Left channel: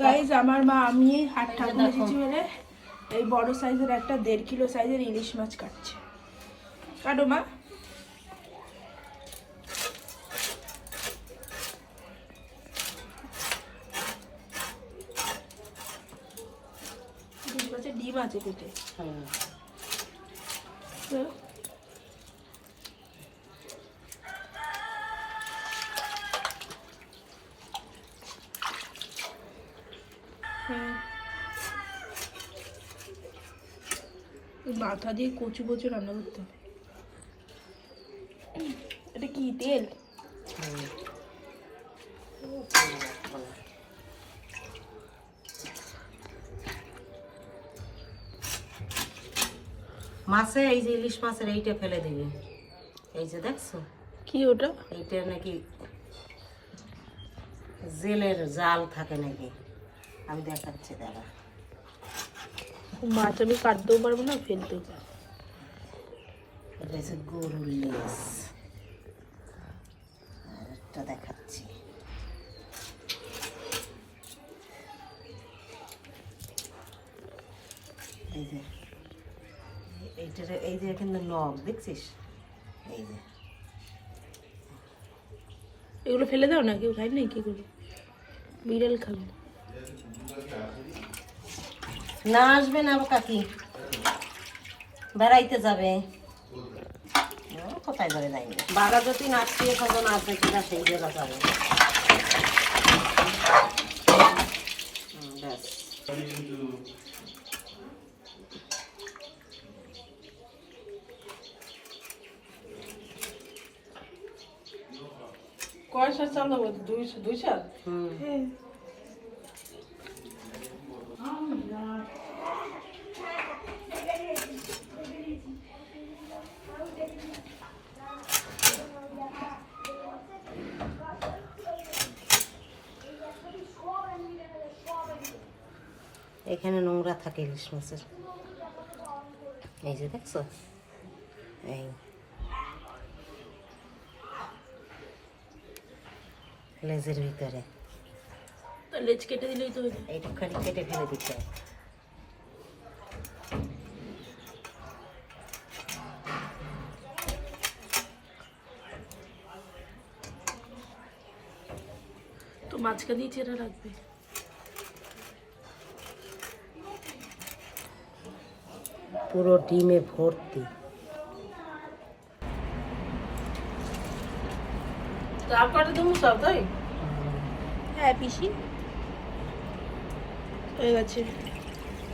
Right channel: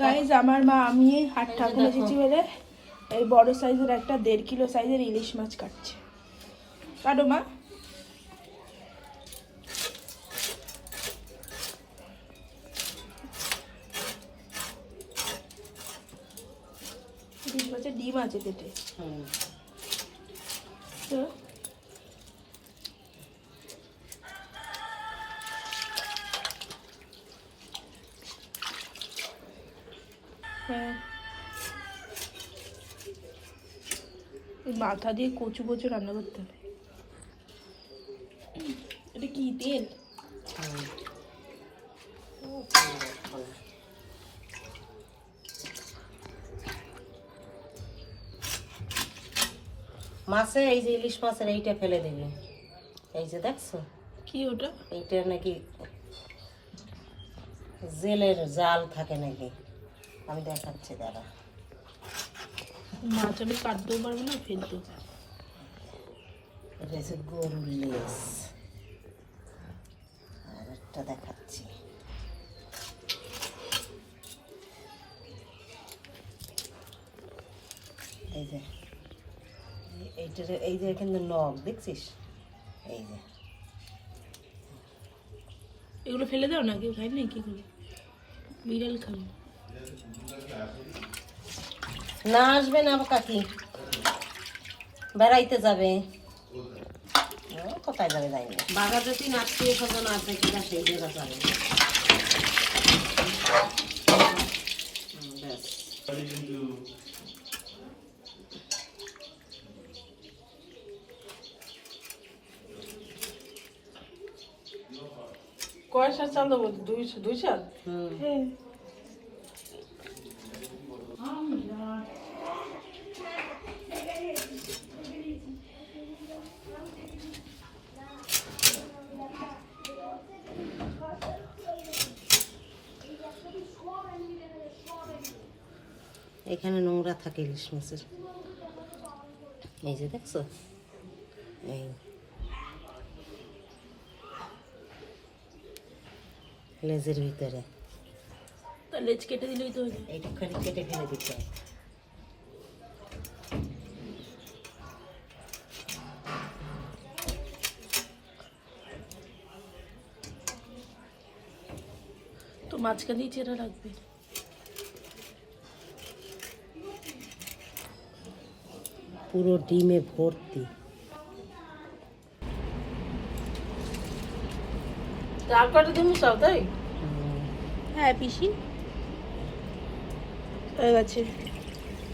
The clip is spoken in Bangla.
গাইজ আমার মা আমি হাট ঠাকুর এসেছি বলে এই বড় সাইজের একটা 1.5 কিলো সাইজের ইলিশ মাছ কাটছে। কাটো মা। ইলিশ মাছের ডিম আছে পেটে। মাথা দিয়ে কচু কচু রান্না করতে হবে। এটা কি তেল? মাছে এই যে ইলিশ মাছের এইটা ফেলে দিবি। এই যে দেখছো কি ওটা? এইটা নাকি জেলের জাল থাকে নাকি, আমি দেখাচ্ছি দাদা। মাছ আমি কাটতেও পারবো না, ফেলতেও পারবো। এটা হচ্ছে গরুর লেজ। একটা দেখাচ্ছি, এই যে এইটার এই যে কিন্তু নখ দেখছিস, এই যে এগুলো ফেলে দাও না, কেউ খাই না কি করে? বিড়াল খাবে না। আসবে না কাকি, বেড়াইতে যাবে। কোথায় যাবে যায়নি, বাঘা যদি আত্মীয় স্বজন আসবে কিনা সেই জায়গা যাবে। ব্যাস কয় সাল চাল দেবো? 2 সাল। এখানে নোংরা থাকে ইলিশ মাছের, এই যে দেখছো, এই লেজের ভিতরে লেজ কেটে দিলেই তো হলো। এইটুখানি কেটে ফেলে দিতে হবে। তো মাঝখানেই চেরা রাখবে। পুরো ডিমে ভর্তি। তারপরে তুমি সব তাই? হ্যাঁ পিসি হয়ে গেছে।